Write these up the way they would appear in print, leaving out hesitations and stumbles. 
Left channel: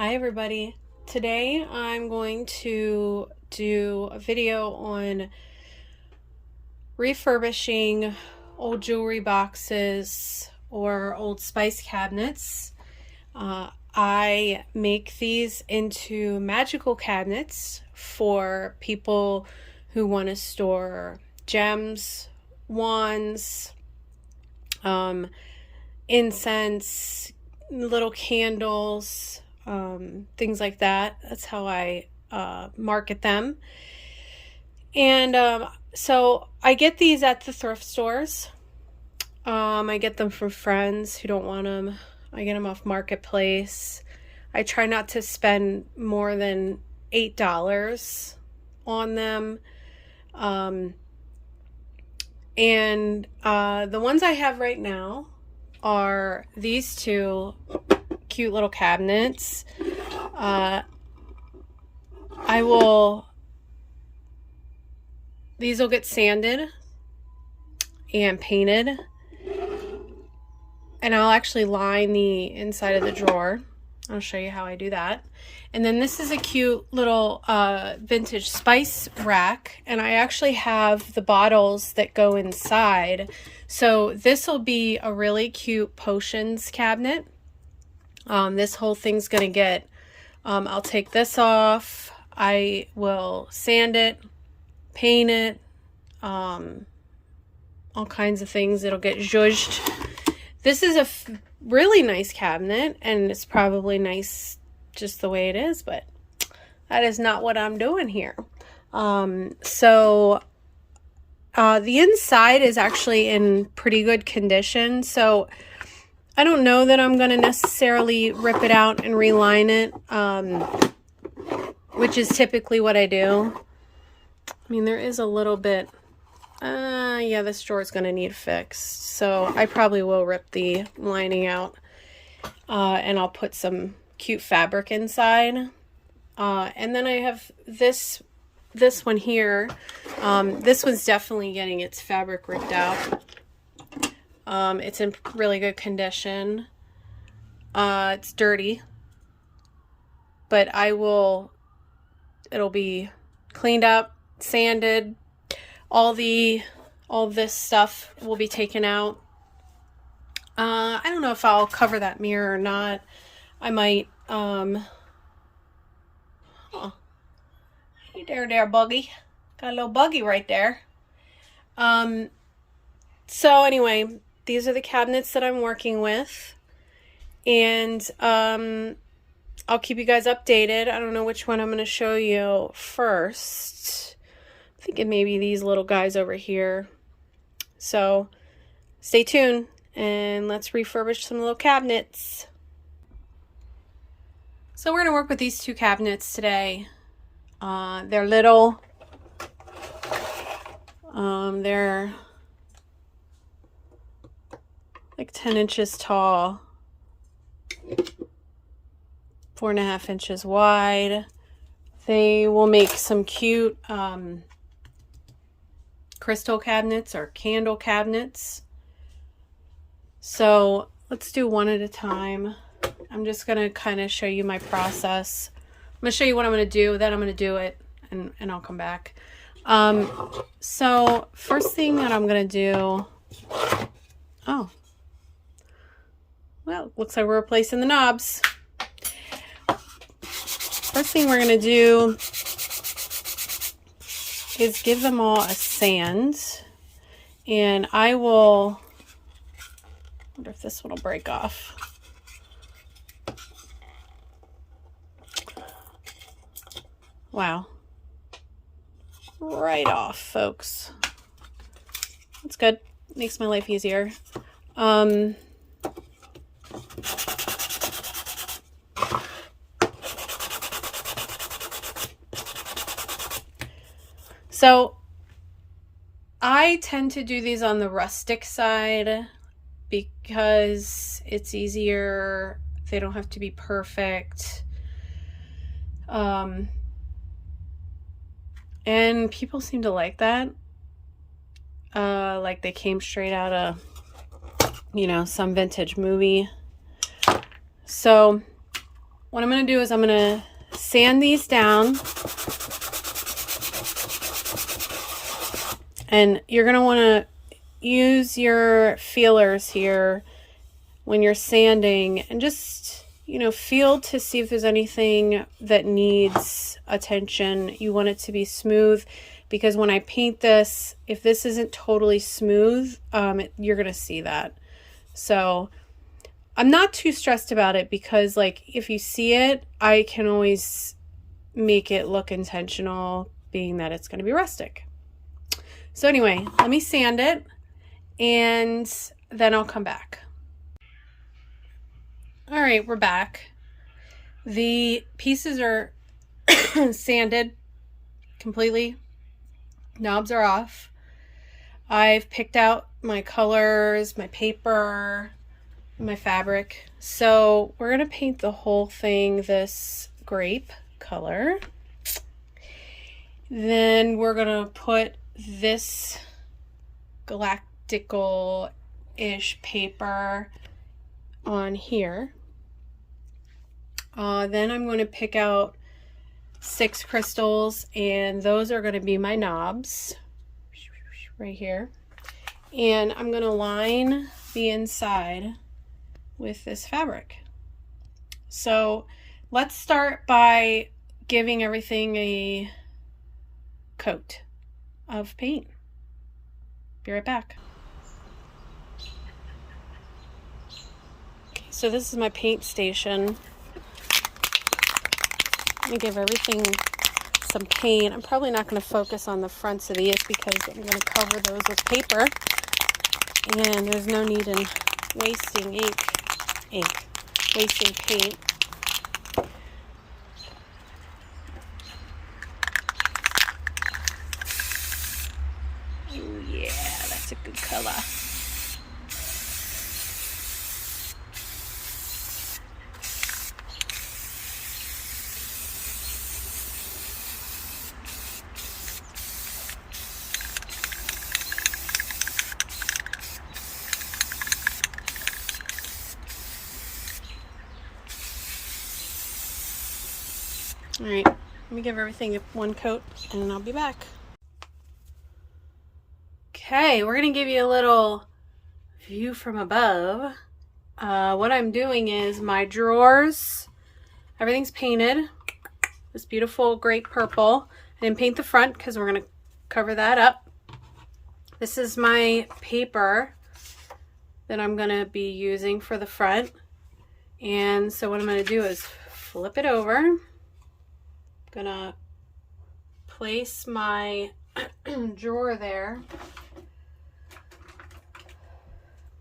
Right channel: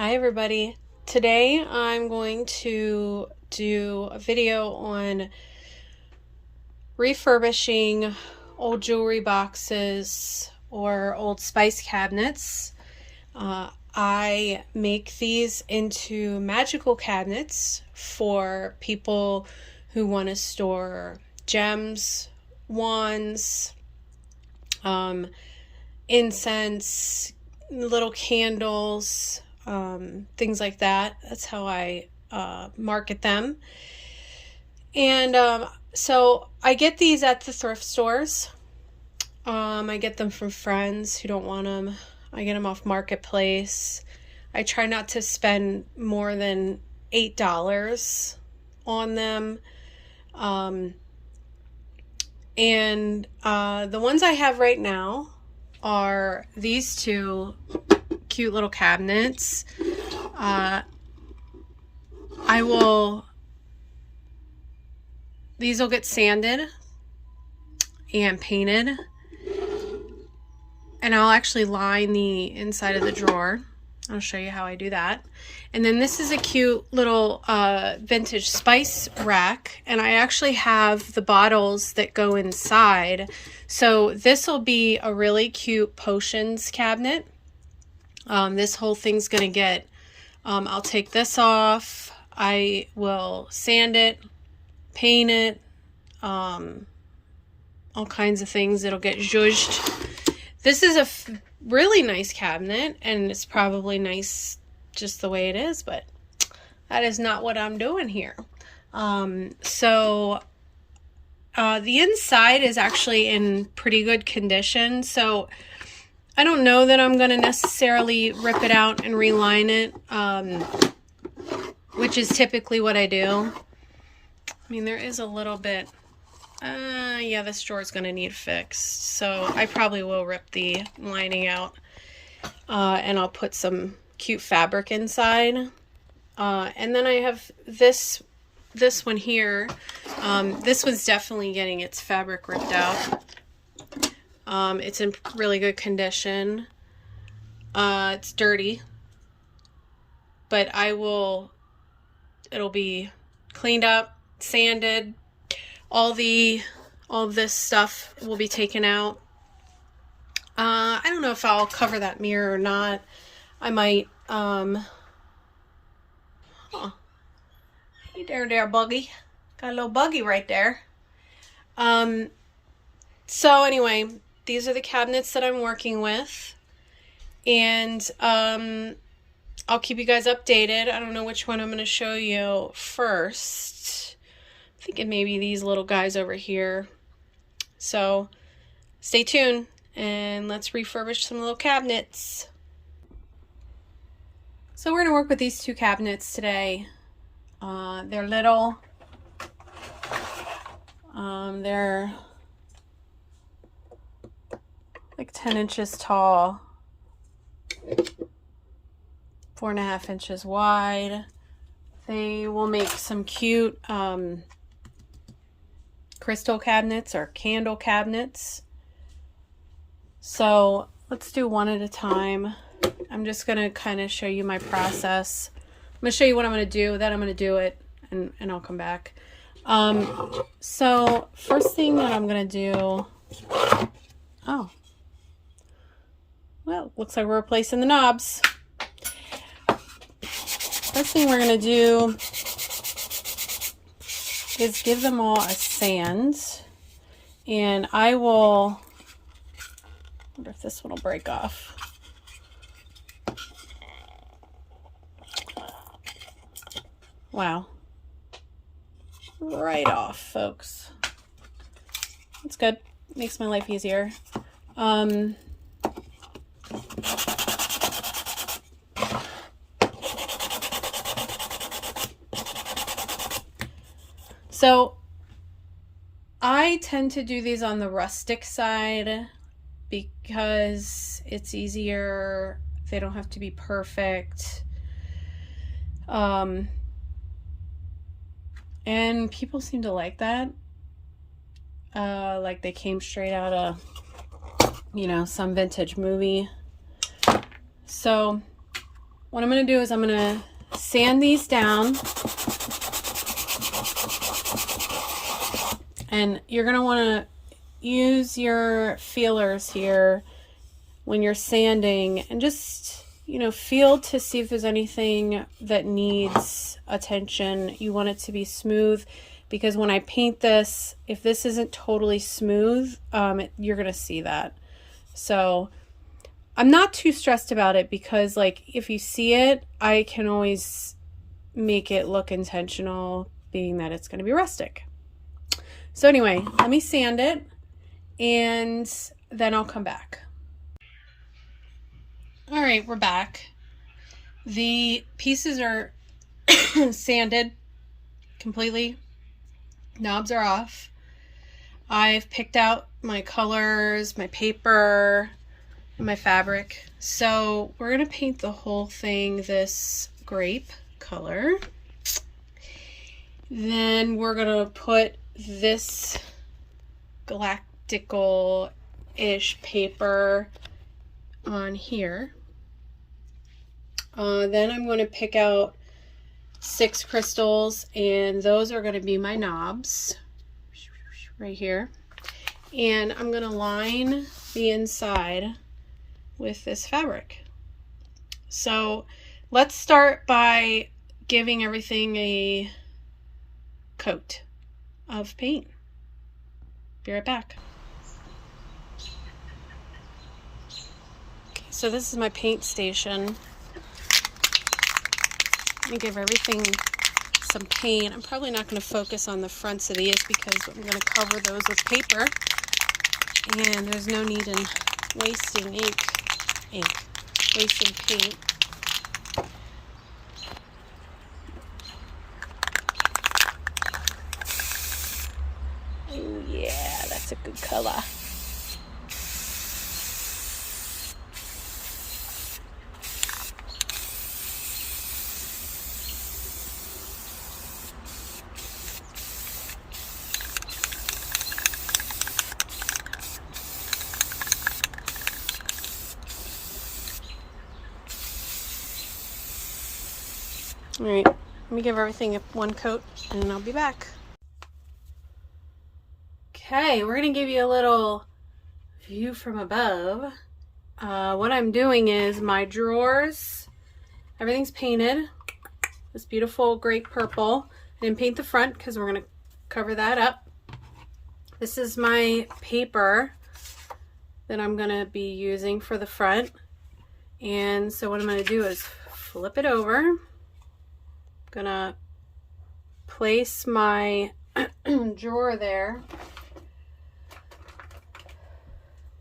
Hi everybody. Today I'm going to do a video on refurbishing old jewelry boxes or old spice cabinets. I make these into magical cabinets for people who want to store gems, wands, incense, little candles, things like that. That's how I market them. And so I get these at the thrift stores. I get them from friends who don't want them. I get them off Marketplace. I try not to spend more than $8 on them. The ones I have right now are these two cute little cabinets. These will get sanded and painted, and I'll actually line the inside of the drawer. I'll show you how I do that. And then this is a cute little vintage spice rack, and I actually have the bottles that go inside. So this will be a really cute potions cabinet. This whole thing's gonna get, I'll take this off, I will sand it, paint it, all kinds of things. It'll get zhuzhed. This is a really nice cabinet, and it's probably nice just the way it is, but that is not what I'm doing here. The inside is actually in pretty good condition, so I don't know that I'm going to necessarily rip it out and reline it, which is typically what I do. I mean, there is a little bit, yeah, this drawer is going to need fixed, so I probably will rip the lining out, and I'll put some cute fabric inside. And then I have this one here. This one's definitely getting its fabric ripped out. It's in really good condition. It's dirty, but it'll be cleaned up, sanded. All of this stuff will be taken out. I don't know if I'll cover that mirror or not. I might, oh, hey there, buggy. Got a little buggy right there. So anyway, these are the cabinets that I'm working with, and I'll keep you guys updated. I don't know which one I'm going to show you first. I'm thinking maybe these little guys over here. So stay tuned, and let's refurbish some little cabinets. So we're going to work with these two cabinets today. They're little. They're like 10 inches tall, 4.5 inches wide. They will make some cute crystal cabinets or candle cabinets. So let's do one at a time. I'm just going to kind of show you my process. I'm going to show you what I'm going to do, then I'm going to do it, and I'll come back. So first thing that I'm going to do, oh, well, looks like we're replacing the knobs. First thing we're going to do is give them all a sand, and I wonder if this one will break off. Wow. Right off, folks. That's good. Makes my life easier. So I tend to do these on the rustic side because it's easier. They don't have to be perfect. And people seem to like that. Like they came straight out of, some vintage movie. So what I'm going to do is I'm going to sand these down. And you're going to want to use your feelers here when you're sanding and just, you know, feel to see if there's anything that needs attention. You want it to be smooth, because when I paint this, if this isn't totally smooth, you're going to see that. So I'm not too stressed about it, because like if you see it, I can always make it look intentional, being that it's going to be rustic. So anyway, let me sand it and then I'll come back. All right, we're back. The pieces are sanded completely. Knobs are off. I've picked out my colors, my paper, and my fabric. So we're going to paint the whole thing this grape color. Then we're going to put this galactical-ish paper on here. Then I'm going to pick out 6 crystals, and those are going to be my knobs right here. And I'm going to line the inside with this fabric. So let's start by giving everything a coat of paint. Be right back. Okay, so this is my paint station. Let me give everything some paint. I'm probably not going to focus on the fronts of these because I'm going to cover those with paper, and there's no need in wasting wasting paint. Oh yeah, that's a good color. All right, let me give everything one coat and I'll be back. Okay, we're gonna give you a little view from above. What I'm doing is my drawers, everything's painted this beautiful grape purple. I didn't paint the front because we're gonna cover that up. This is my paper that I'm gonna be using for the front. And so what I'm gonna do is flip it over. Gonna place my drawer there.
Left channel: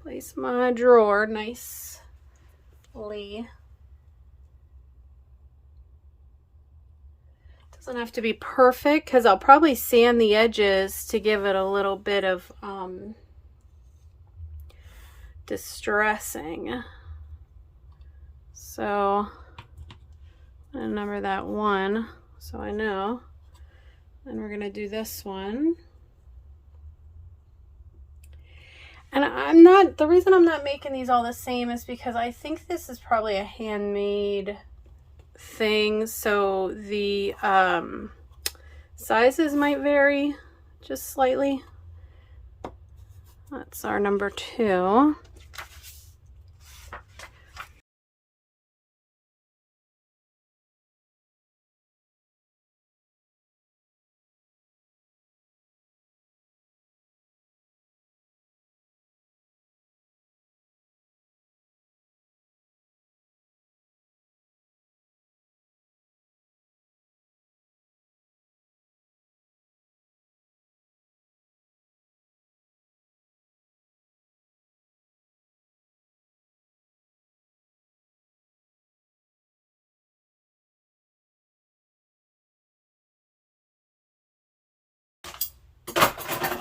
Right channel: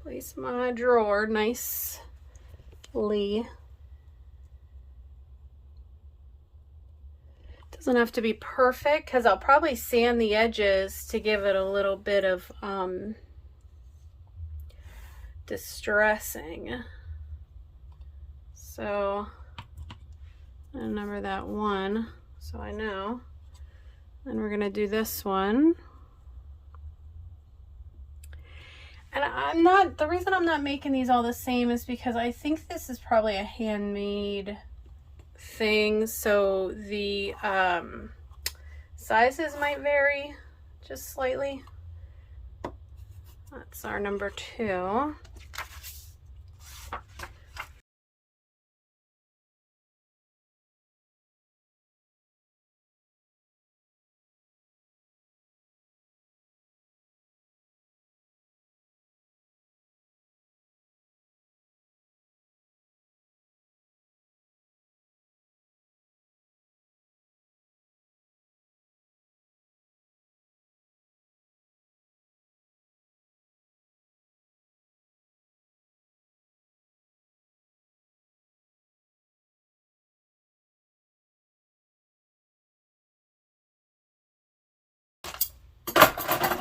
Place my drawer nicely. Doesn't have to be perfect because I'll probably sand the edges to give it a little bit of distressing. So I'm gonna number that 1 so I know. Then we're gonna do this one. And the reason I'm not making these all the same is because I think this is probably a handmade thing, so the sizes might vary just slightly. That's our number 2.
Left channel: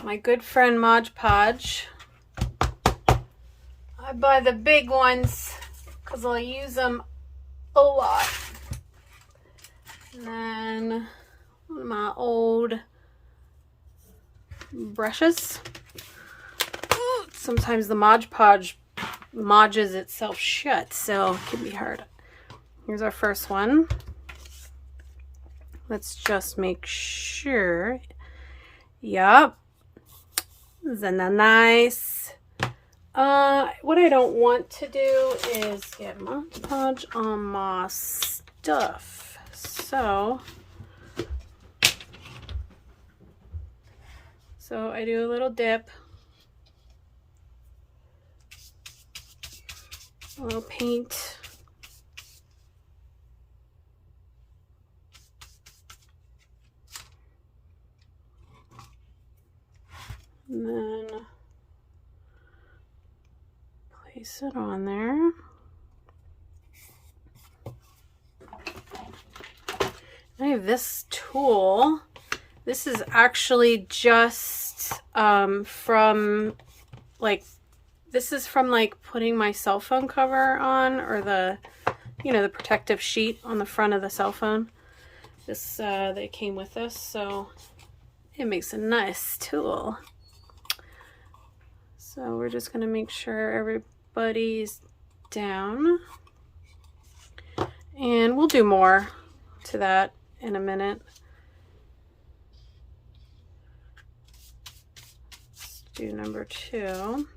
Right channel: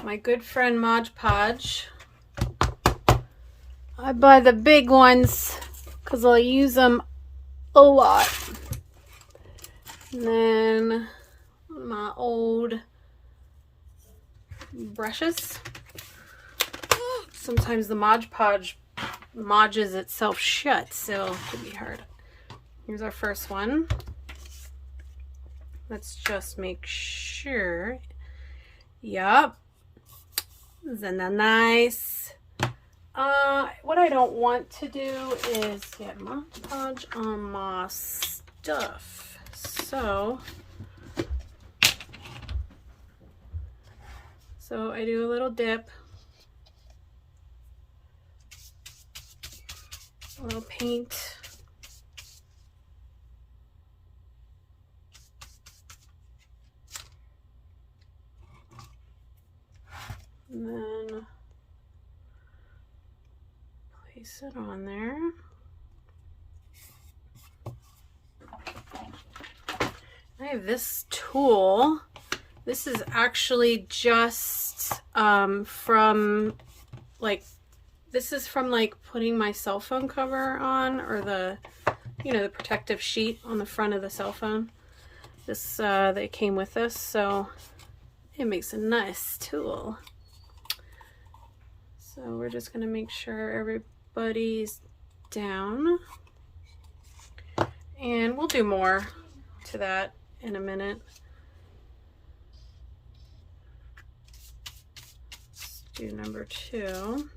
My good friend Mod Podge. I buy the big ones because I'll use them a lot. And then my old brushes. Sometimes the Mod Podge modges itself shut, so it could be hard. Here's our first one. Let's just make sure. Yup. Isn't that nice? What I don't want to do is get Mod Podge on my stuff. So I do a little dip. A little paint. And then place it on there. I have this tool. This is actually just from like putting my cell phone cover on, or the, you know, the protective sheet on the front of the cell phone. This they came with this, so it makes a nice tool. So we're just going to make sure everybody's down, and we'll do more to that in a minute. Let's do number 2.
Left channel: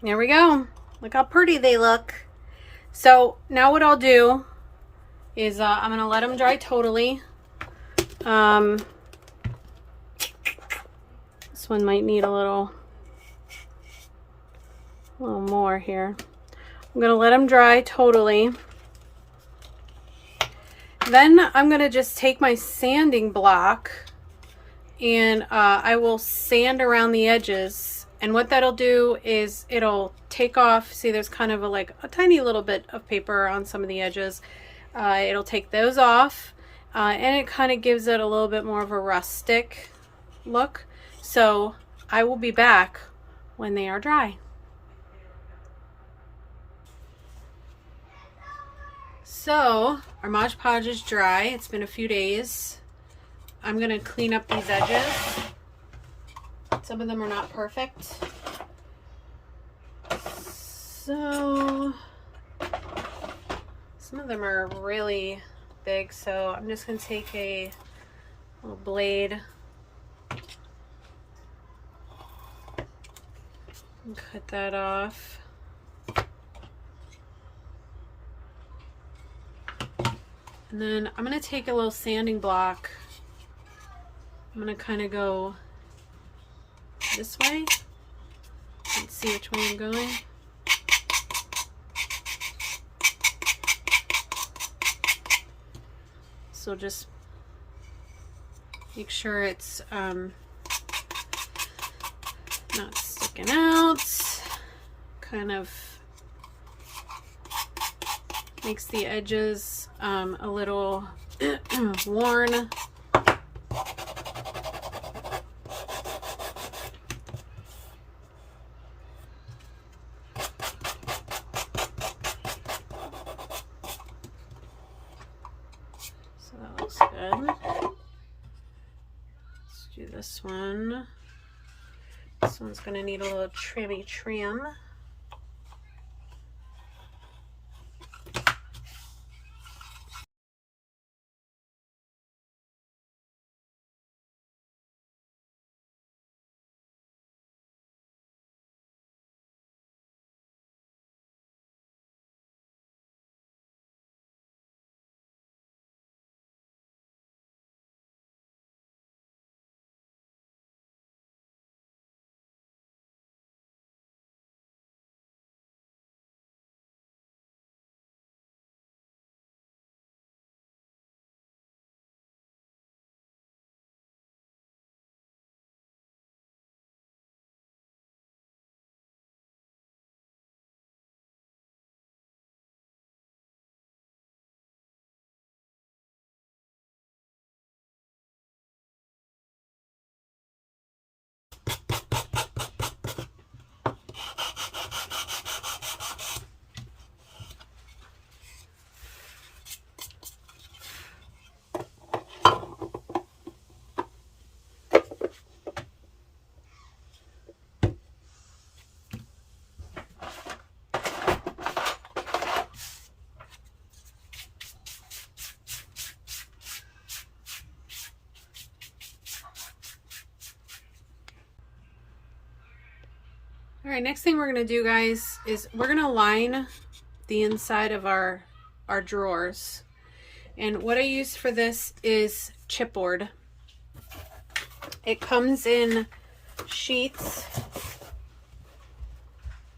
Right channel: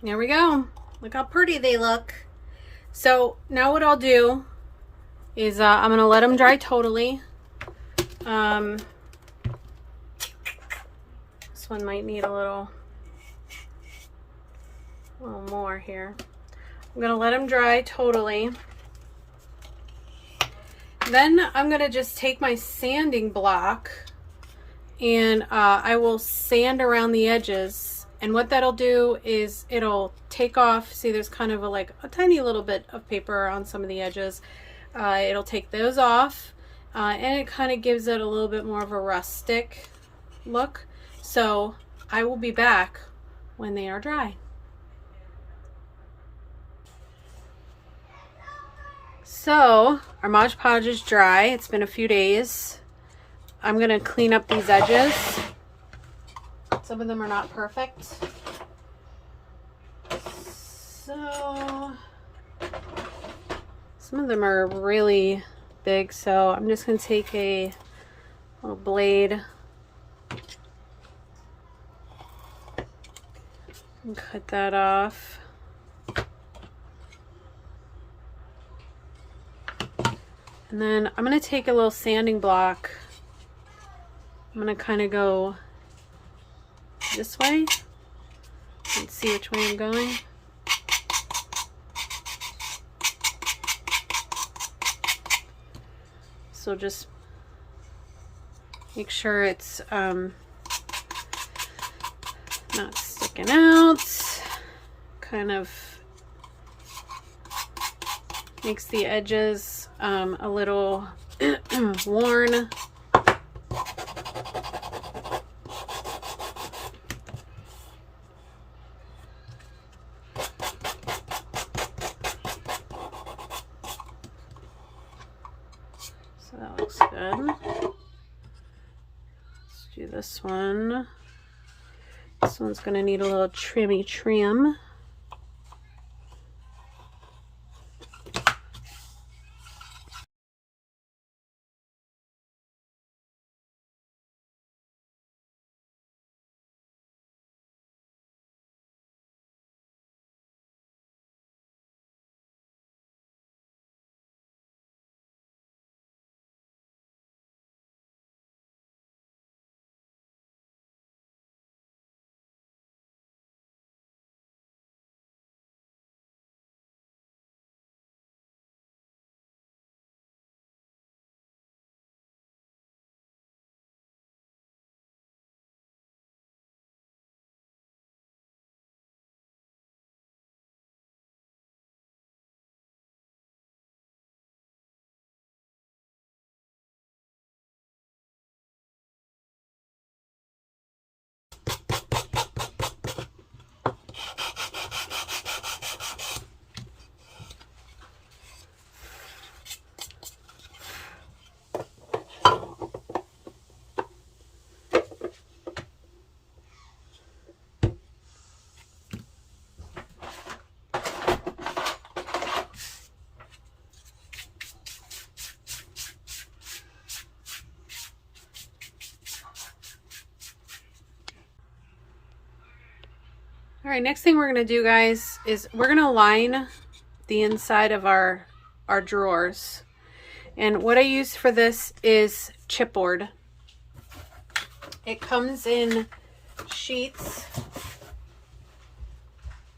There we go. Look how pretty they look. So now what I'll do is I'm going to let them dry totally. This one might need a little more here. I'm going to let them dry totally. Then I'm going to just take my sanding block and I will sand around the edges. And what that'll do is it'll take off, see there's kind of like a tiny little bit of paper on some of the edges. It'll take those off and it kind of gives it a little bit more of a rustic look. So I will be back when they are dry. So our Mod Podge is dry. It's been a few days. I'm going to clean up these edges. Some of them are not perfect. So some of them are really big. So I'm just going to take a little blade and cut that off. And then I'm going to take a little sanding block. I'm going to kind of go this way. Let's see which way I'm going. So just make sure it's not sticking out. Kind of makes the edges a little worn. So that looks good. Let's do this one. This one's going to need a little trim. All right, next thing we're gonna do, guys, is we're gonna line the inside of our drawers. And what I use for this is chipboard. It comes in sheets.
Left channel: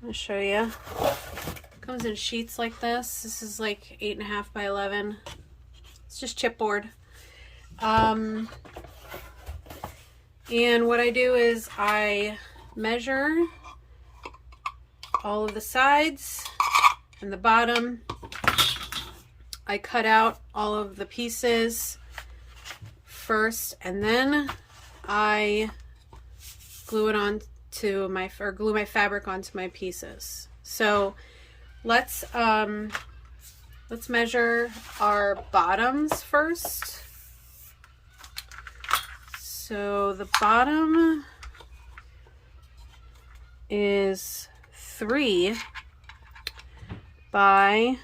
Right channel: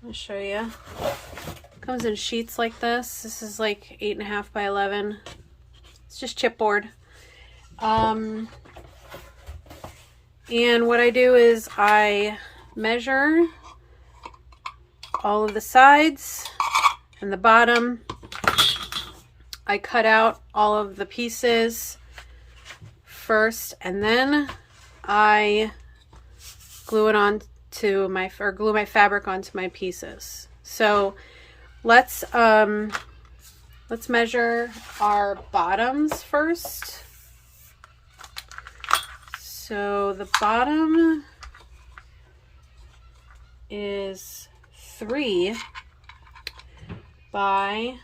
I'll show you. It comes in sheets like this. This is like 8.5 by 11. It's just chipboard. And what I do is I measure all of the sides and the bottom. I cut out all of the pieces first, and then I glue it on to my, or glue my fabric onto my pieces. So let's measure our bottoms first. So the bottom is 3 by,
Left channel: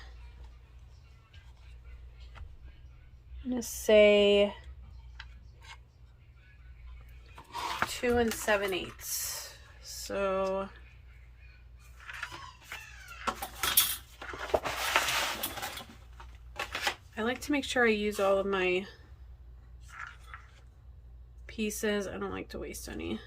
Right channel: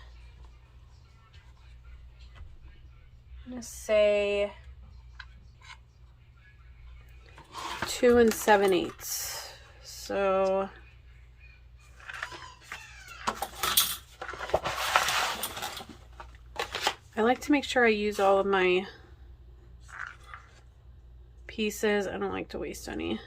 I'm gonna say 2 7/8. So I like to make sure I use all of my pieces. I don't like to waste any.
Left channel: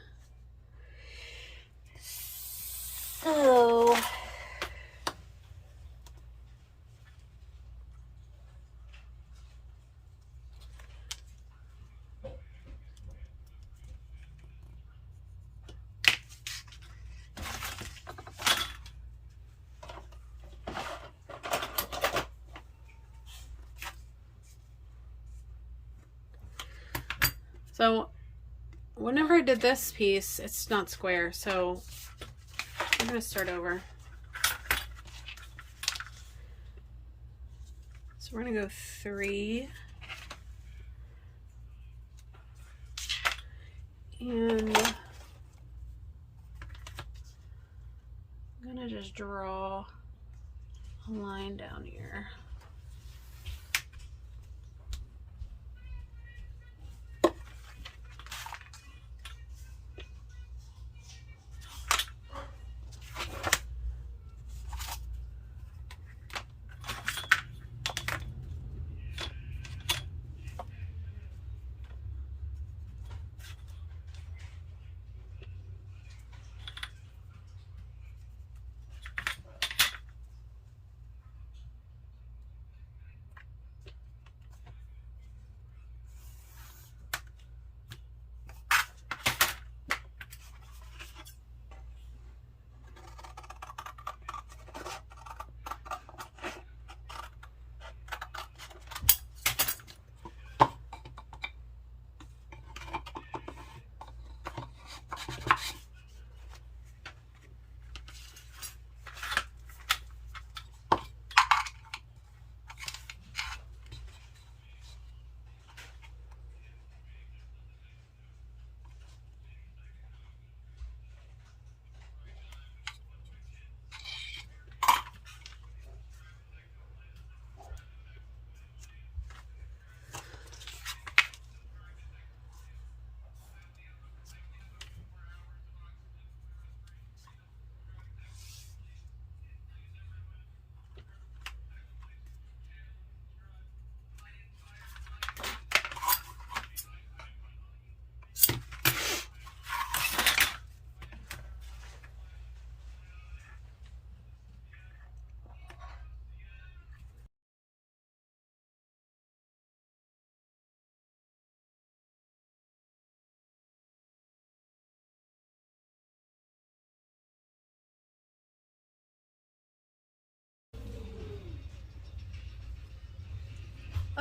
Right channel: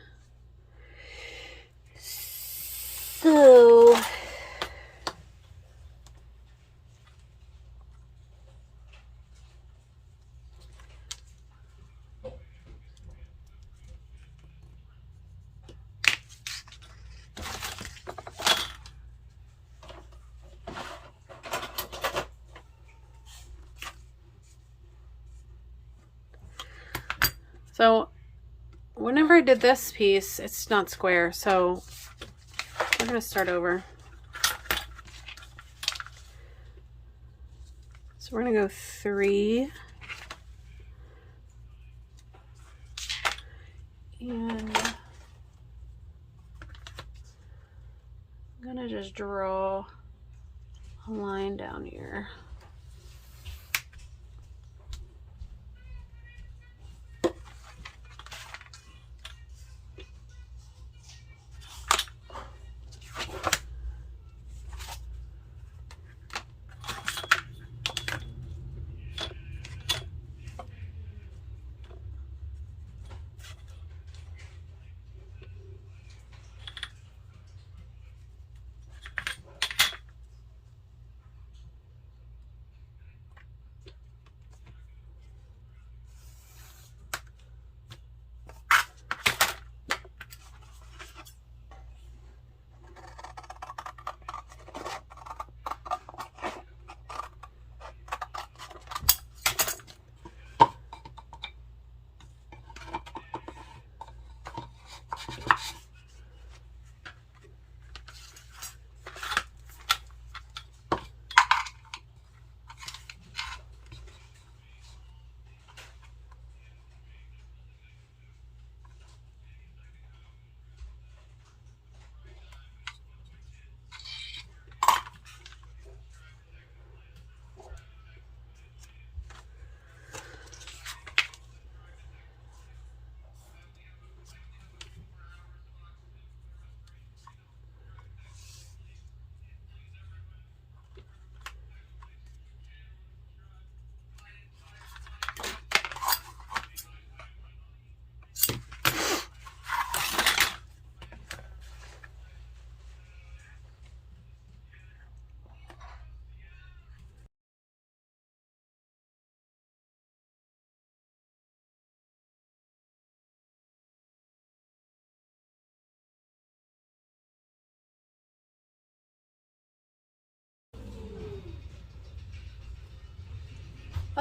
So whenever I did this piece, it's not square, so I'm gonna start over. So we're gonna go 3. And I'm gonna just draw a line down here.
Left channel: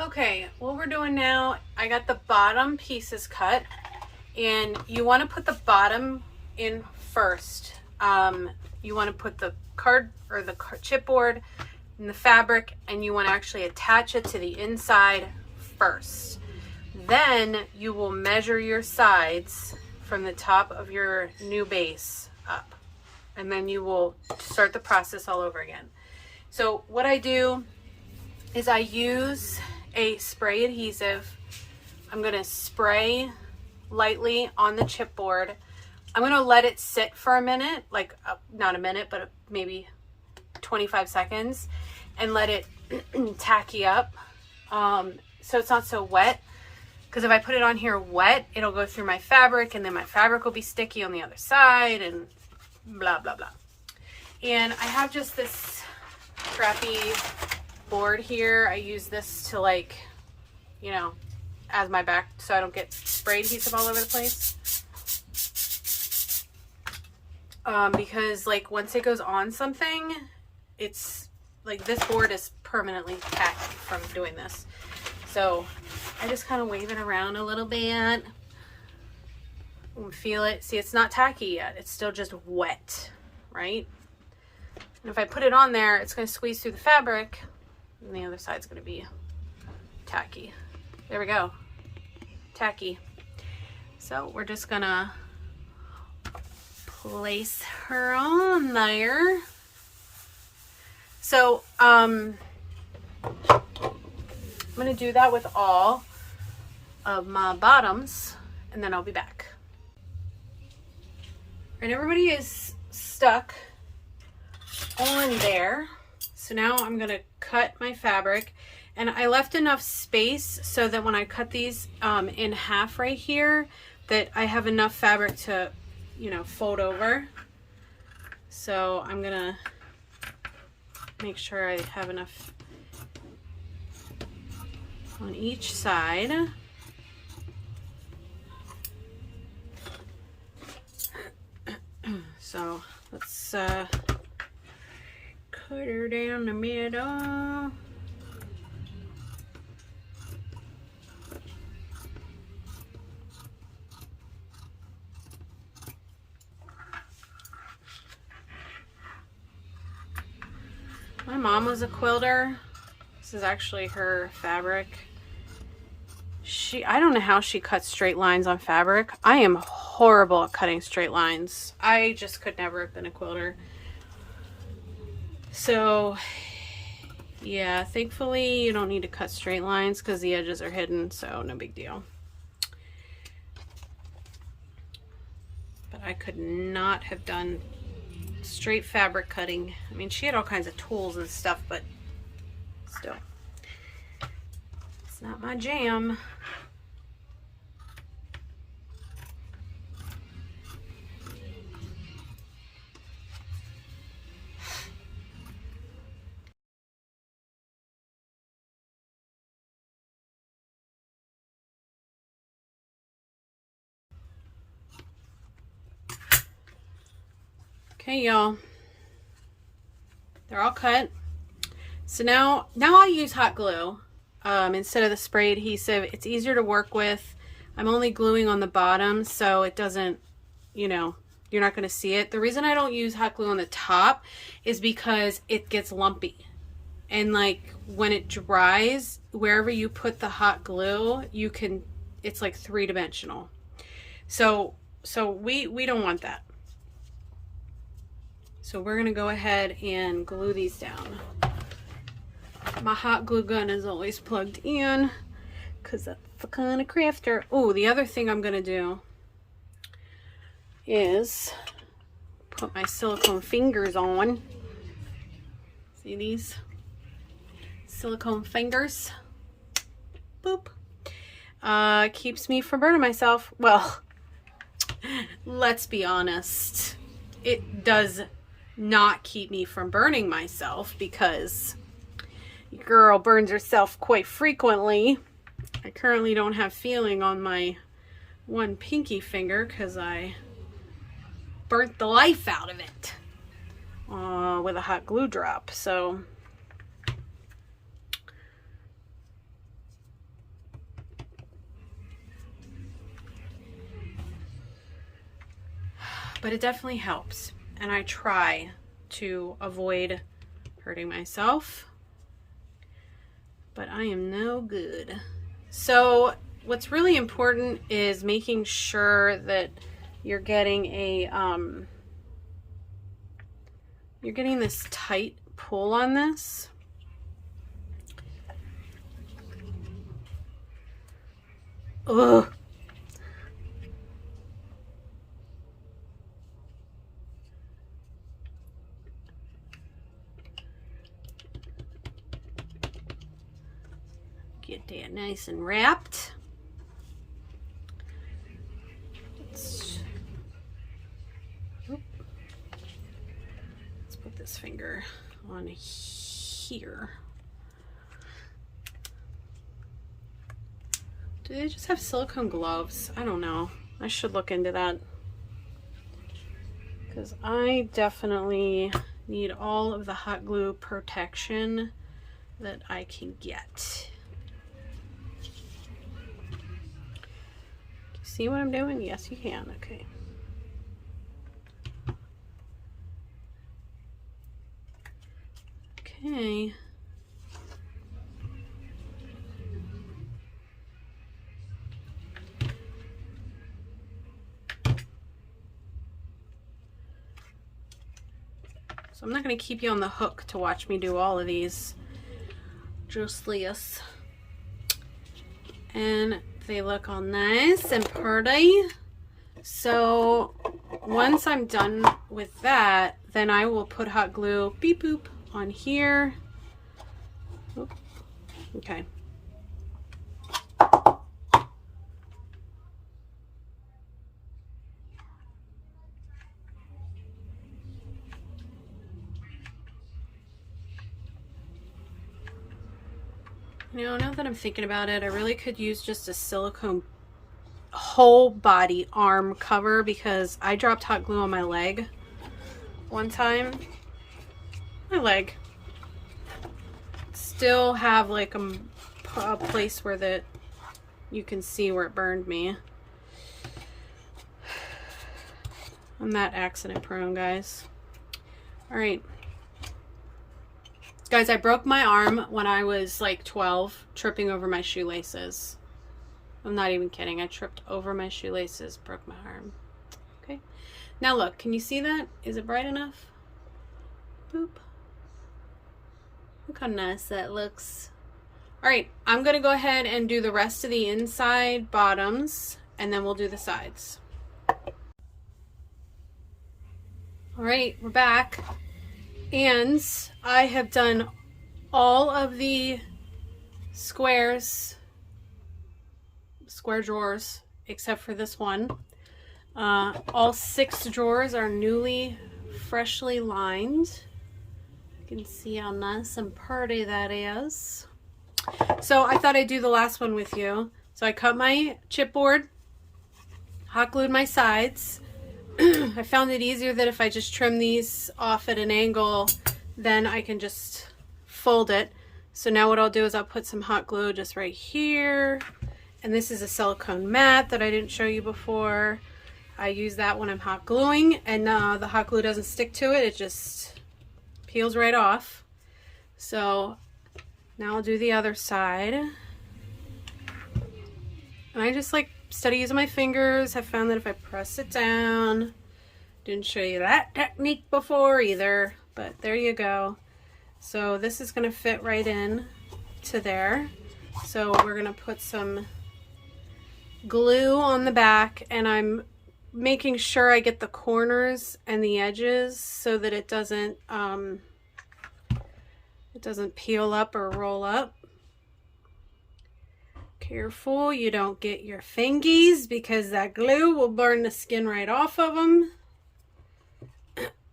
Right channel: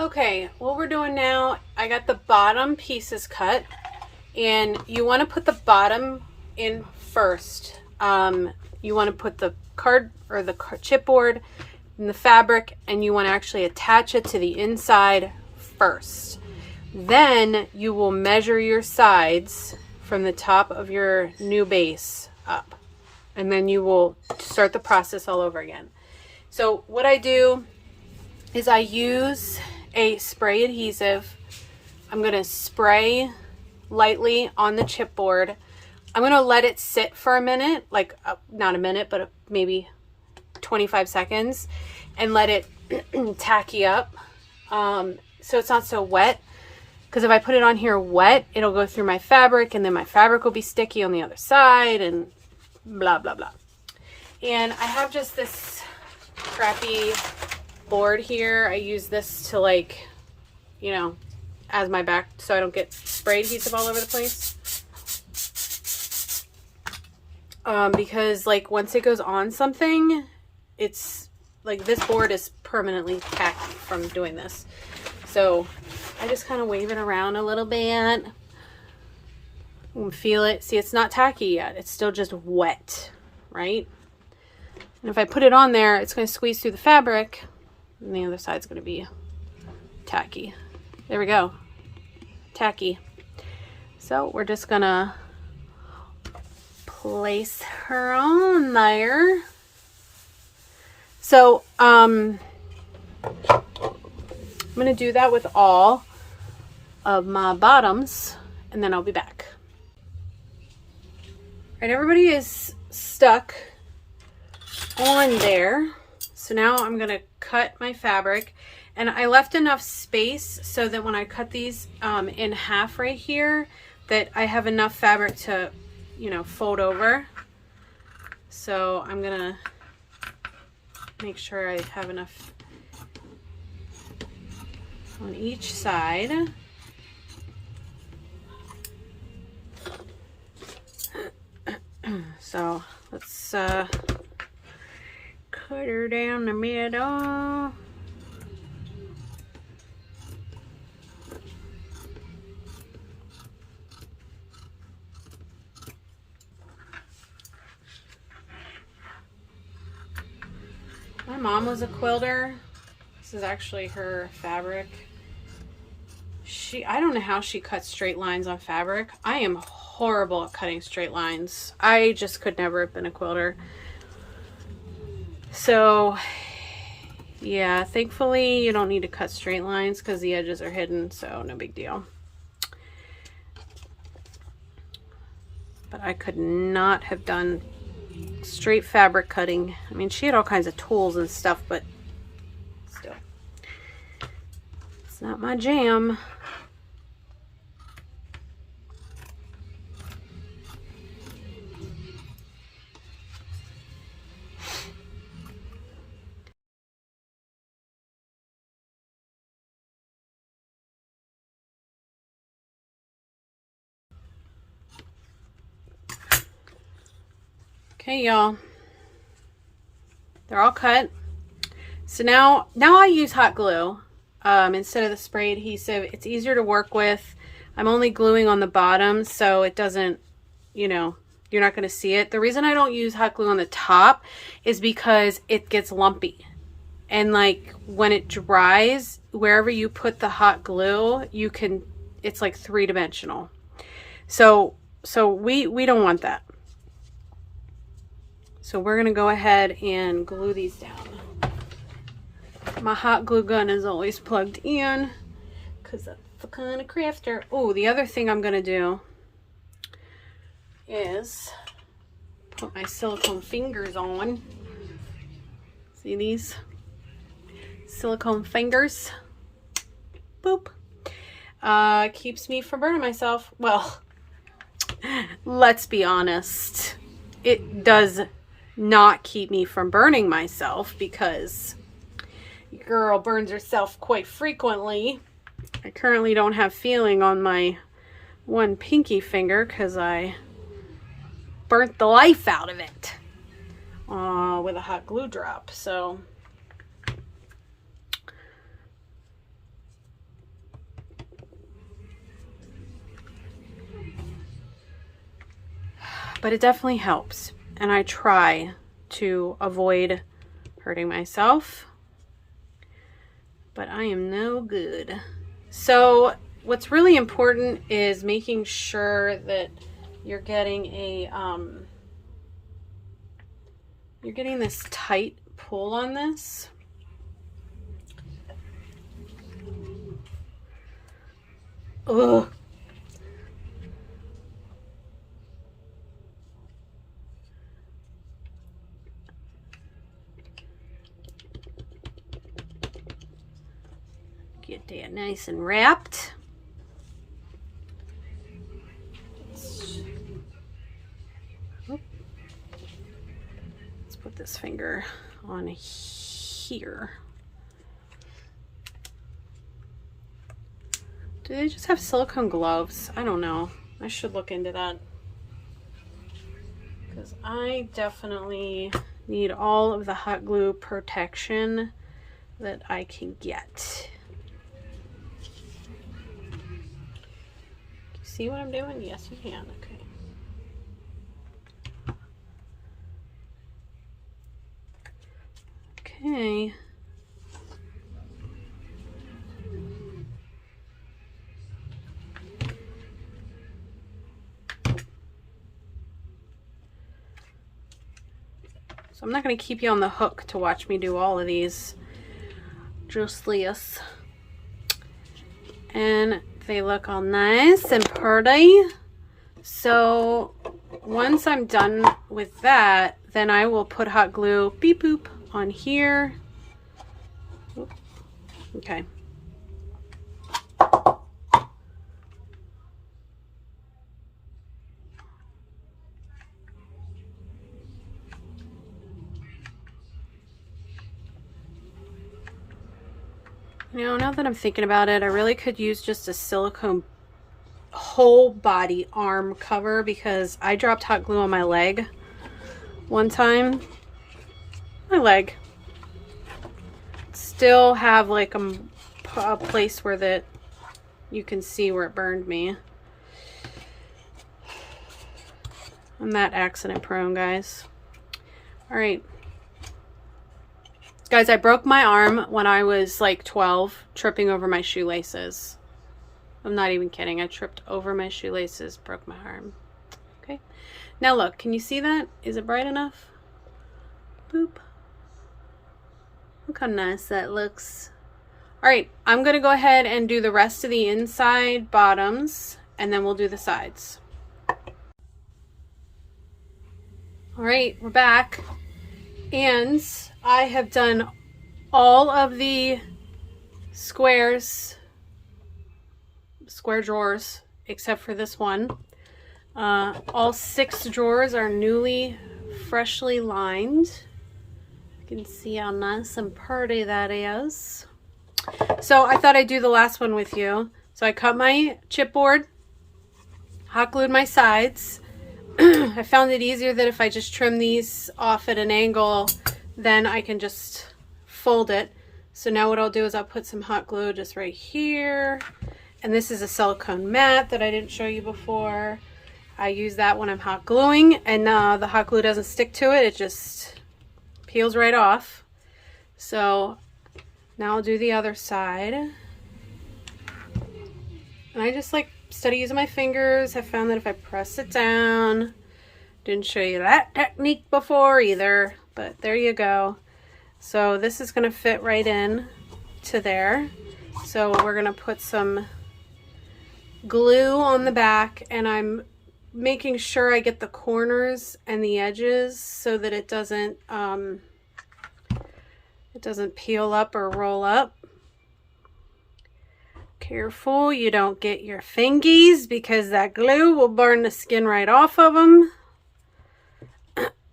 Okay, what we're doing now, I got the bottom pieces cut, and you want to put the bottom in first. You want to put the card or the chipboard in the fabric, and you want to actually attach it to the inside first. Then you will measure your sides from the top of your new base up, and then you will start the process all over again. So what I do is I use a spray adhesive. I'm going to spray lightly on the chipboard. I'm going to let it sit for a minute, like not a minute, but maybe 25 seconds, and let it tacky up. So it's not so wet. Because if I put it on here wet, it'll go through my fabric, and then my fabric will be sticky on the other side, and blah, blah, blah. And I have just this crappy board here. I use this to, like, you know, as my back, so I don't get spray adhesive all over the place. Because, like, once it goes on something, it's, like, this board is permanently tacky from doing this. So I just kind of wave it around a little bit. You can feel it. See, it's not tacky yet. It's still just wet, right? And if I put it on there, it's going to squeeze through the fabric, and the other side's going to be tacky. There we go. Tacky. So we're just going to place her on there. So, I'm going to do that with all of my bottoms, and then I'll be back. All right, everybody is stuck on there. So now I'm going to cut my fabric, and I left enough space so that when I cut these in half right here, that I have enough fabric to, you know, fold over. So I'm going to make sure I have enough on each side. So let's cut her down the middle. My mom was a quilter. This is actually her fabric. I don't know how she cuts straight lines on fabric. I am horrible at cutting straight lines. I just could never have been a quilter. So yeah, thankfully you don't need to cut straight lines because the edges are hidden, so no big deal. But I could not have done straight fabric cutting. I mean, she had all kinds of tools and stuff, but still, it's not my jam. Okay, y'all, they're all cut. So now I use hot glue instead of the spray adhesive. It's easier to work with. I'm only gluing on the bottom, so it doesn't, you know, you're not going to see it. The reason I don't use hot glue on the top is because it gets lumpy. And like when it dries, wherever you put the hot glue, you can, it's like three-dimensional. So we don't want that. So we're going to go ahead and glue these down. My hot glue gun is always plugged in because that's the kind of crafter. Oh, the other thing I'm going to do is put my silicone fingers on. See these? Silicone fingers. Boop. Keeps me from burning myself. Well, let's be honest. It does not keep me from burning myself because your girl burns herself quite frequently. I currently don't have feeling on my one pinky finger because I burnt the life out of it with a hot glue drop. So but it definitely helps, and I try to avoid hurting myself, but I am no good. So what's really important is making sure that you're getting a you're getting this tight pull on this. Ugh. get that nice and wrapped. Let's put this finger on here. Do they just have silicone gloves? I don't know. I should look into that, because I definitely need all of the hot glue protection that I can get. Can you see what I'm doing? Yes, you can. Okay. Okay. So I'm not going to keep you on the hook to watch me do all of these. Just this. And they look all nice and pretty. So once I'm done with that, then I will put hot glue, beep boop, on here. Oop. Okay. You know, now that I'm thinking about it, I really could use just a silicone whole body arm cover, because I dropped hot glue on my leg one time. My leg. Still have like a place where that you can see where it burned me. I'm that accident prone, guys. All right. Guys, I broke my arm when I was like 12, tripping over my shoelaces. I'm not even kidding. I tripped over my shoelaces, broke my arm. Okay. Now look, can you see that? Is it bright enough? Boop. Look how nice that looks. All right, I'm going to go ahead and do the rest of the inside bottoms, and then we'll do the sides. All right, we're back. And I have done all of the square drawers except for this one. All 6 drawers are newly, freshly lined. You can see how nice and pretty that is. So I thought I'd do the last one with you. So I cut my chipboard, hot glued my sides. I found it easier that if I just trim these off at an angle, then I can just fold it. So now what I'll do is I'll put some hot glue just right here. And this is a silicone mat that I didn't show you before. I use that when I'm hot gluing, and the hot glue doesn't stick to it. It just peels right off. So now I'll do the other side. And I just like study using my fingers. I found that if I press it down, didn't show you that technique before either, but there you go. So this is going to fit right in to there. So we're going to put some glue on the back, and I'm making sure I get the corners and the edges so that it doesn't peel up or roll up. Careful you don't get your fingies, because that glue will burn the skin right off of them.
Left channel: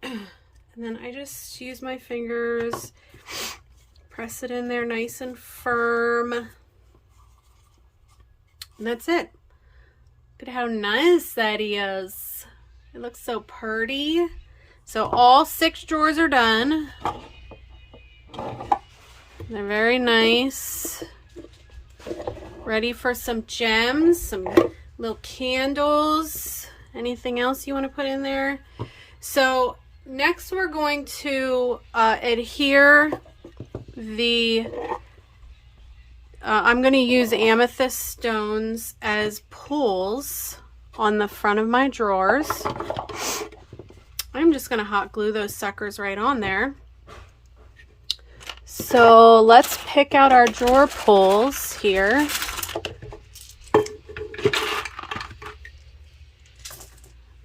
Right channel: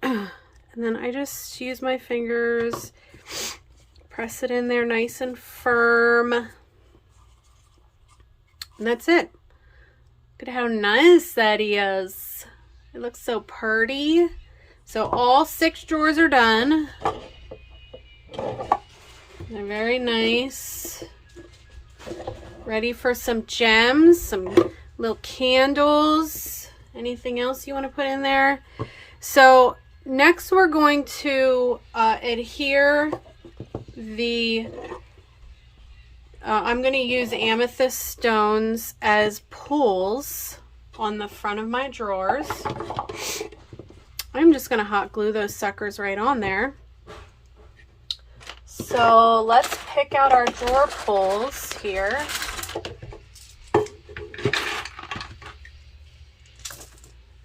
And then I just use my fingers, press it in there nice and firm. And that's it. Look at how nice that is. It looks so pretty. So all 6 drawers are done. They're very nice. Ready for some gems, some little candles, anything else you want to put in there. So next we're going to adhere the, I'm going to use amethyst stones as pulls on the front of my drawers. I'm just going to hot glue those suckers right on there. So let's pick out our drawer pulls here.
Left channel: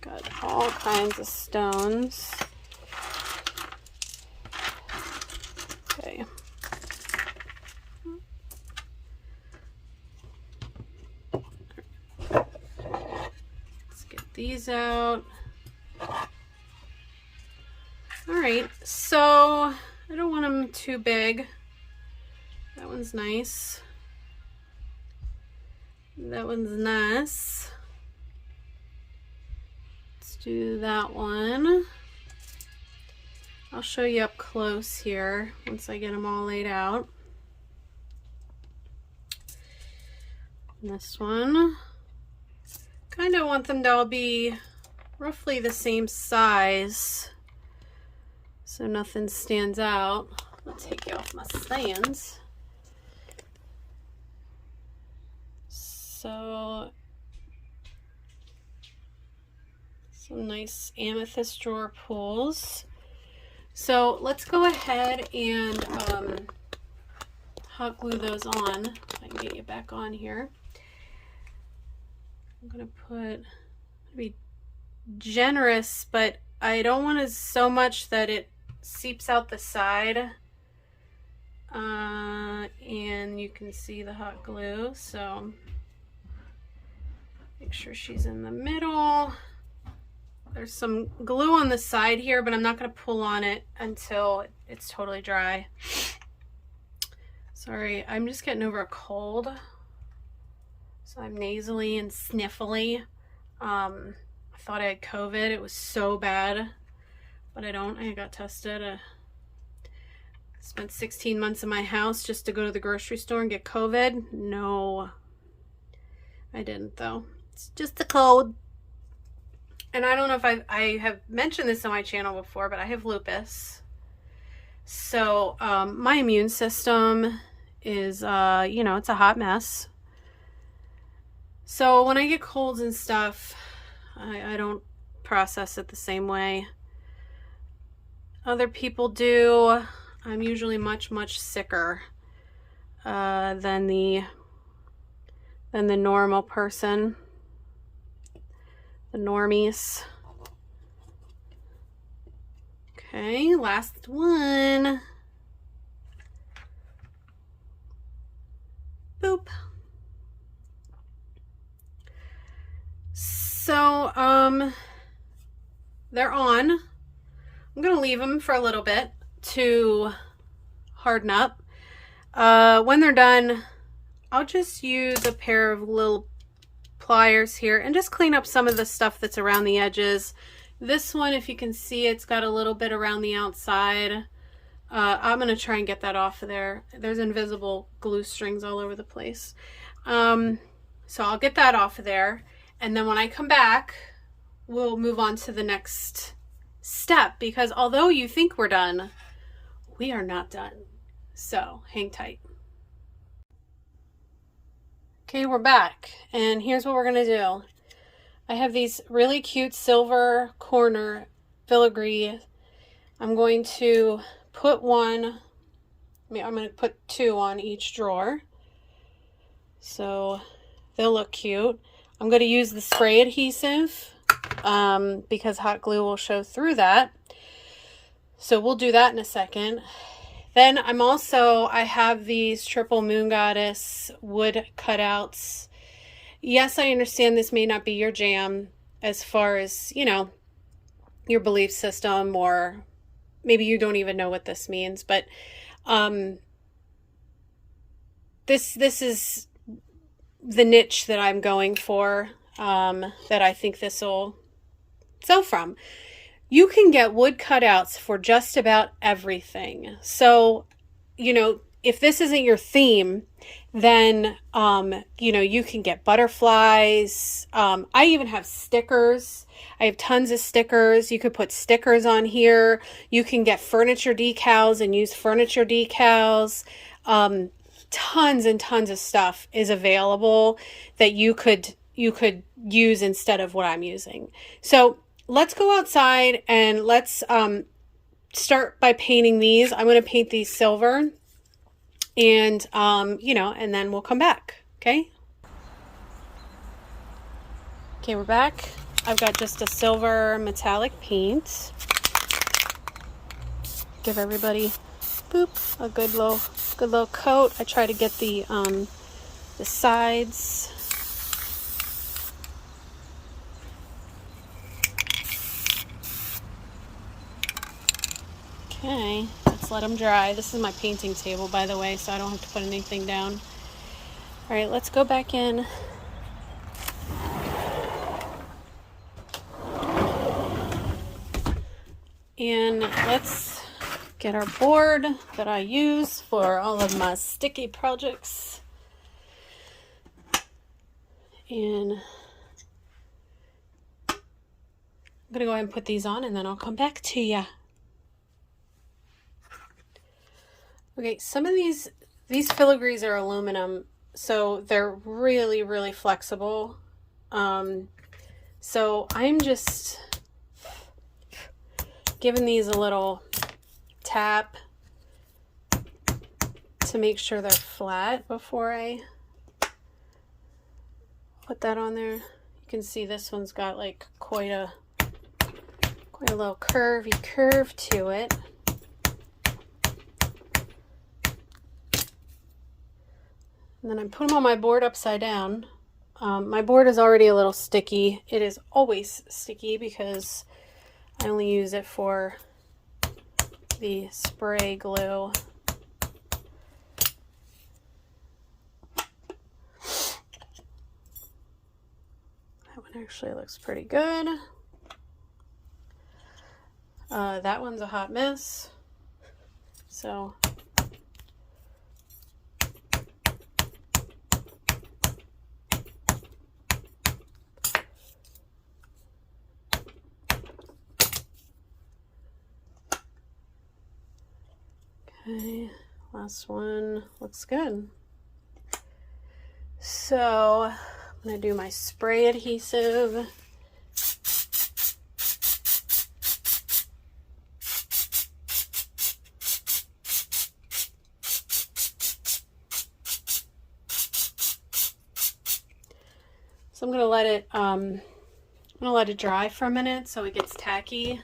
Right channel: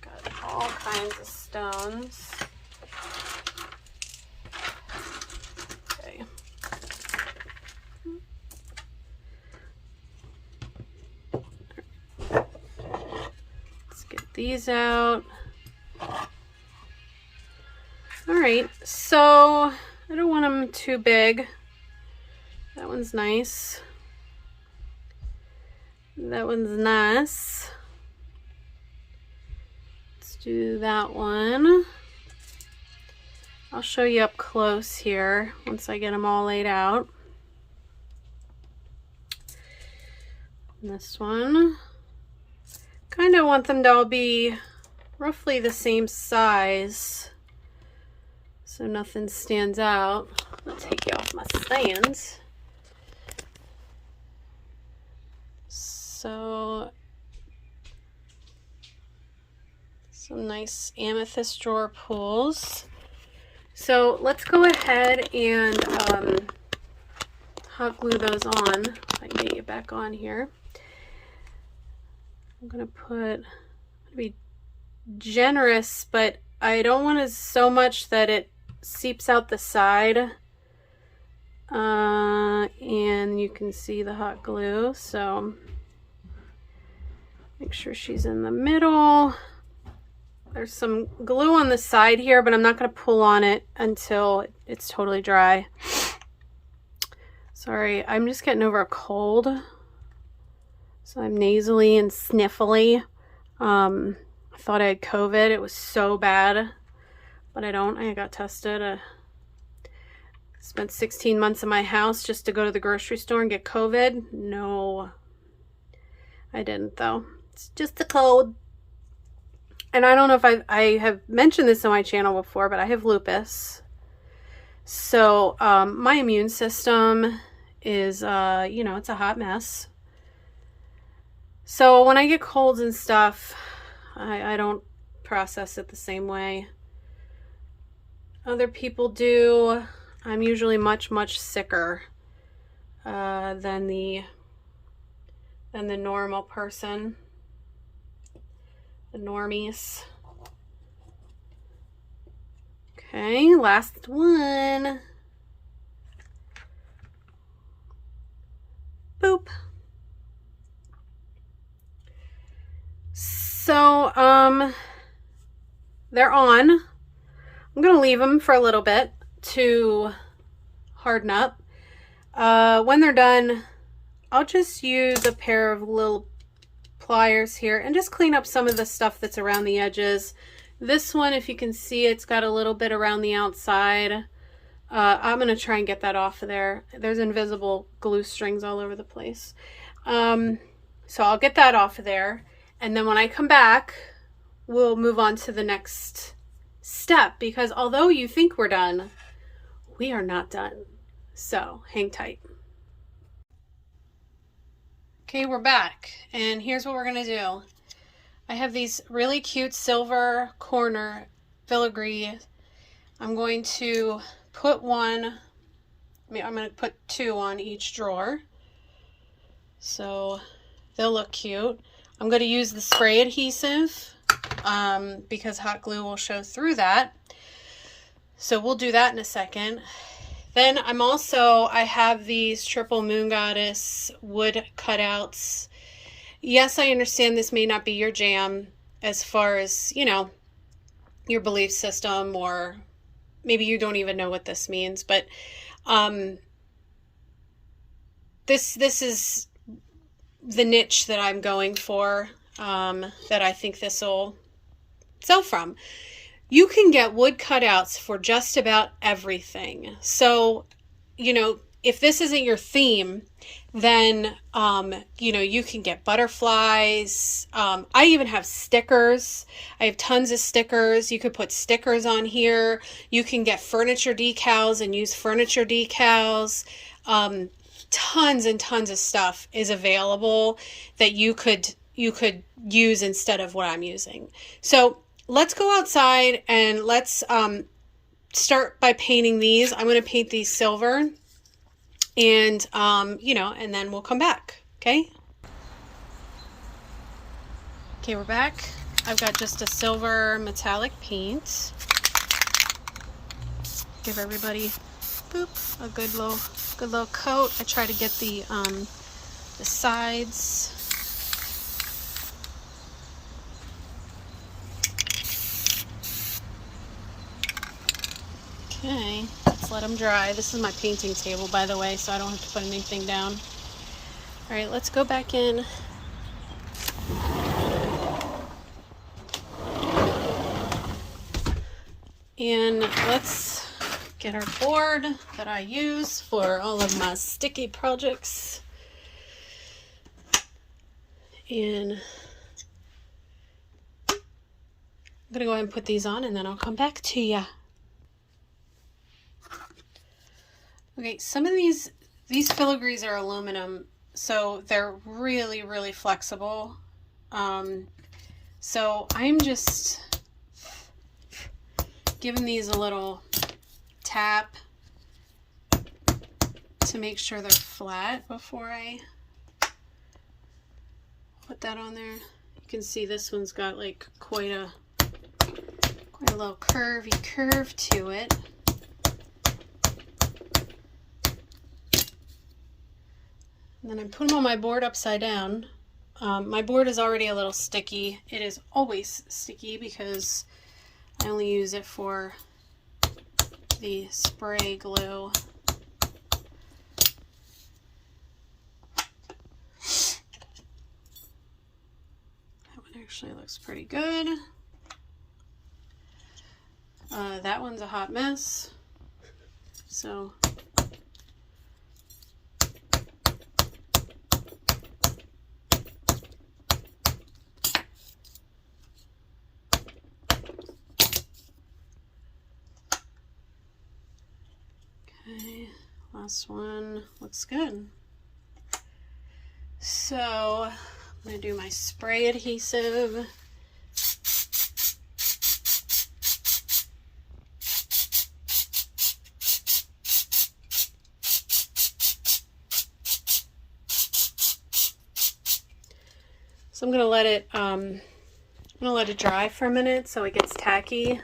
Got all kinds of stones. Okay. these out. All right, so I don't want them too big. That one's nice. That one's nice. Let's do that one. I'll show you up close here once I get them all laid out. And this one. Kind of want them to all be roughly the same size, so nothing stands out. I'll take you off my stands. So, some nice amethyst drawer pulls. So let's go ahead and hot glue those on. If I can get you back on here. I'm gonna be generous, but I don't want it so much that it seeps out the side. And you can see the hot glue, so make sure she's in the middle. There's some glue on the side here, but I'm not going to pull on it until it's totally dry. Sorry, I'm just getting over a cold, so I'm nasally and sniffly. I thought I had COVID. It was so bad, but I don't. I got tested. Spent 16 months in my house just to go to the grocery store and get COVID. No, I didn't though. It's just a cold. And I don't know if I have mentioned this on my channel before, but I have lupus. So my immune system is, you know, it's a hot mess. So when I get colds and stuff, I don't process it the same way other people do. I'm usually much, much sicker than the normal person. The normies. Okay, last one. Boop. So, they're on. I'm gonna leave them for a little bit to harden up. When they're done, I'll just use a pair of little pliers here and just clean up some of the stuff that's around the edges. This one, if you can see, it's got a little bit around the outside. I'm gonna try and get that off of there. There's invisible glue strings all over the place. So I'll get that off of there, and then when I come back, we'll move on to the next step, because although you think we're done, we are not done. So hang tight. Okay, we're back, and here's what we're gonna do. I have these really cute silver corner filigree. I'm going to put one, I'm going to put two on each drawer, so they'll look cute. I'm going to use the spray adhesive because hot glue will show through that. So we'll do that in a second. Then I have these Triple Moon Goddess wood cutouts. Yes, I understand this may not be your jam as far as, you know, your belief system, or maybe you don't even know what this means, but this is the niche that I'm going for, that I think this will sell from. You can get wood cutouts for just about everything. So, you know, if this isn't your theme, then, you know, you can get butterflies. I even have stickers. I have tons of stickers. You could put stickers on here. You can get furniture decals and use furniture decals. Tons and tons of stuff is available that you could use instead of what I'm using. So let's go outside and let's start by painting these. I'm going to paint these silver, and you know, and then we'll come back. Okay, we're back. I've got just a silver metallic paint. Give everybody, boop, a good little coat. I try to get the sides. just let them dry. This is my painting table, by the way, so I don't have to put anything down. All right, let's go back in. And let's get our board that I use for all of my sticky projects. And I'm gonna go ahead and put these on and then I'll come back to ya. Okay, some of these filigrees are aluminum, so they're really, really flexible. So I'm just giving these a little tap to make sure they're flat before I put that on there. You can see this one's got like quite a little curvy curve to it. And then I put them on my board upside down. My board is already a little sticky. It is always sticky because I only use it for the spray glue. That one actually looks pretty good. That one's a hot mess. So okay, last one looks good. So I'm gonna do my spray adhesive. So I'm gonna let it dry for a minute so it gets tacky.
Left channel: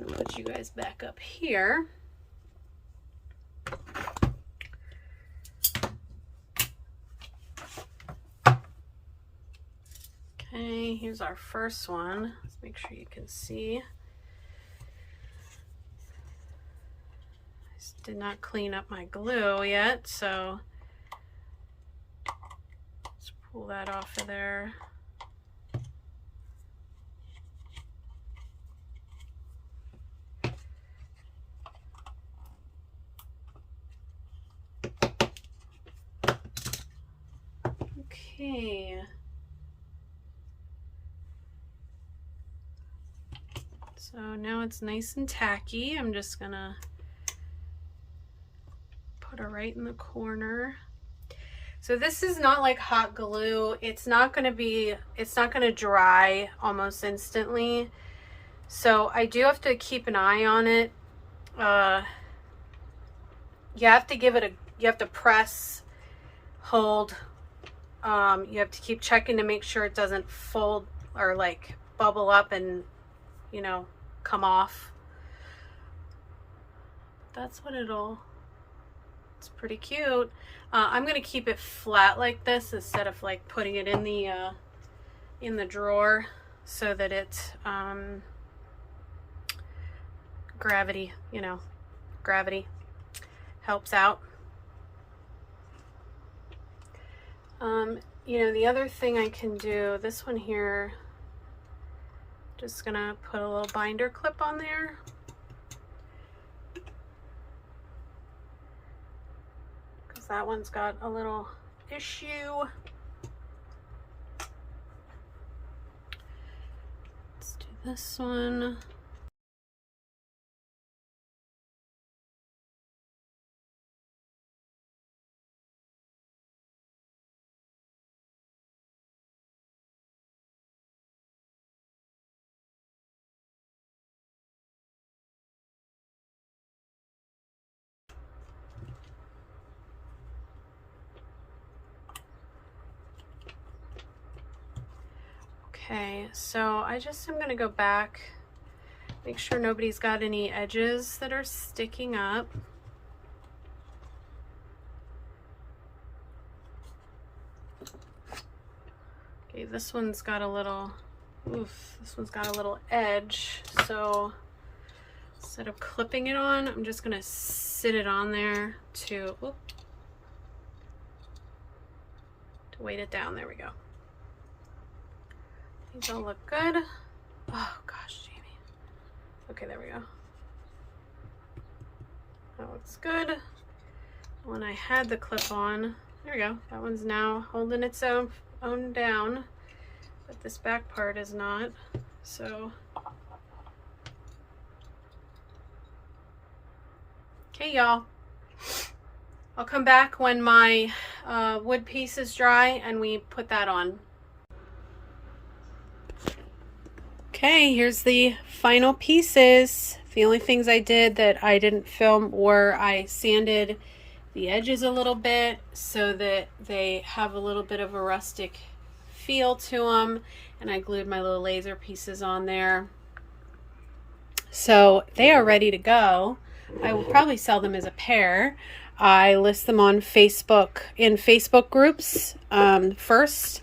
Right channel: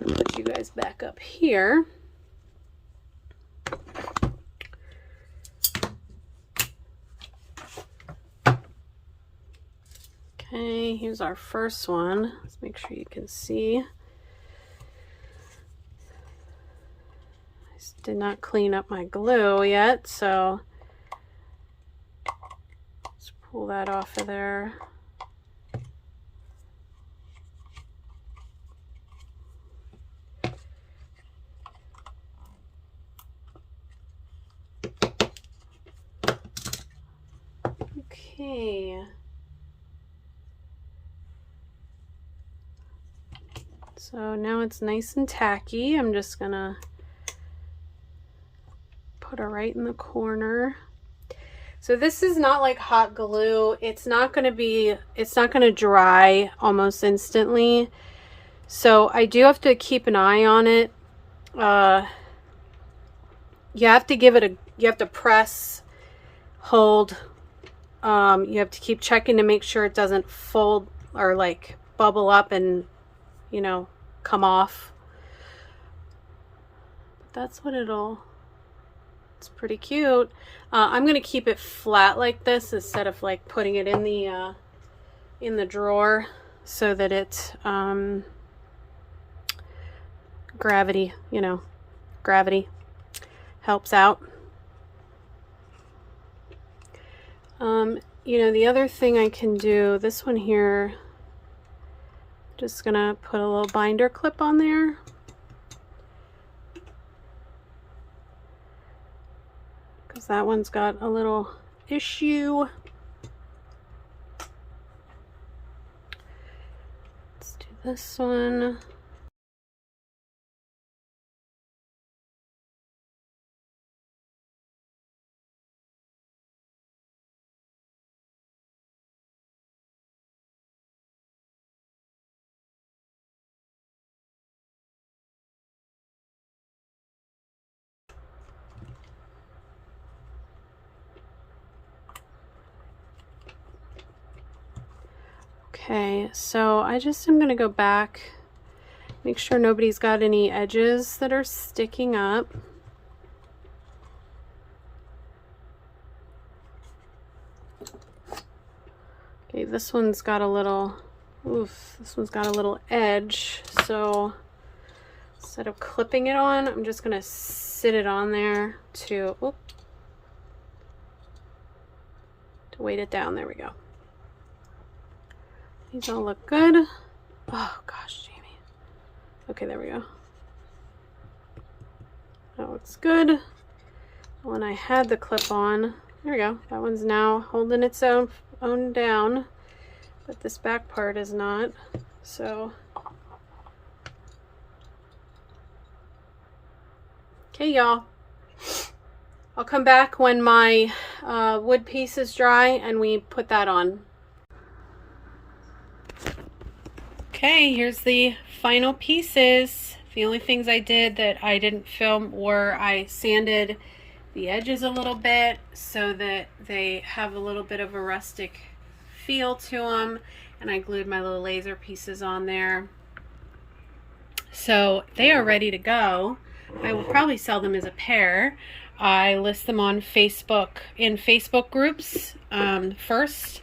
I'll put you guys back up here. Okay, here's our first one. Let's make sure you can see. I did not clean up my glue yet, so let's pull that off of there. Okay. So now it's nice and tacky. I'm just gonna put it right in the corner. So this is not like hot glue. It's not gonna dry almost instantly. So I do have to keep an eye on it. You have to you have to press, hold. You have to keep checking to make sure it doesn't fold or like bubble up and, you know, come off. That's what it's pretty cute. I'm gonna keep it flat like this instead of like putting it in the drawer so that it gravity helps out. You know, the other thing I can do, this one here, just gonna put a little binder clip on there. Because that one's got a little issue. Let's do this one. Okay, so I just am gonna go back, make sure nobody's got any edges that are sticking up. Okay, this one's got a little, this one's got a little edge, so let's instead of clipping it on, I'm just going to sit it on there to weight it down. There we go. These all look good. Oh gosh, Jamie. Okay, there we go. That looks good. When I had the clip on, there we go. That one's now holding its own down, but this back part is not. So, okay, y'all. I'll come back when my wood piece is dry and we put that on. Okay, here's the final pieces. The only things I did that I didn't film were I sanded the edges a little bit so that they have a little bit of a rustic feel to them, and I glued my little laser pieces on there. So they are ready to go. I will probably sell them as a pair. I list them on Facebook, in Facebook groups first.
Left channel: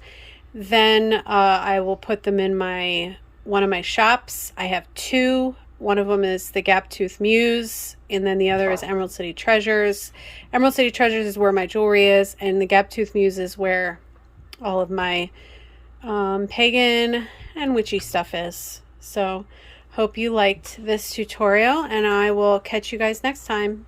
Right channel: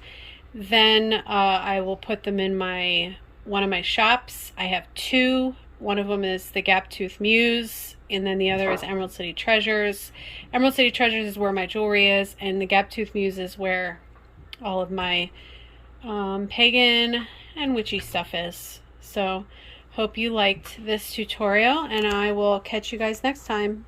Then I will put them in one of my shops. I have two. One of them is the Gap Tooth Muse, and then the other is Emerald City Treasures. Emerald City Treasures is where my jewelry is, and the Gap Tooth Muse is where all of my pagan and witchy stuff is. So hope you liked this tutorial, and I will catch you guys next time.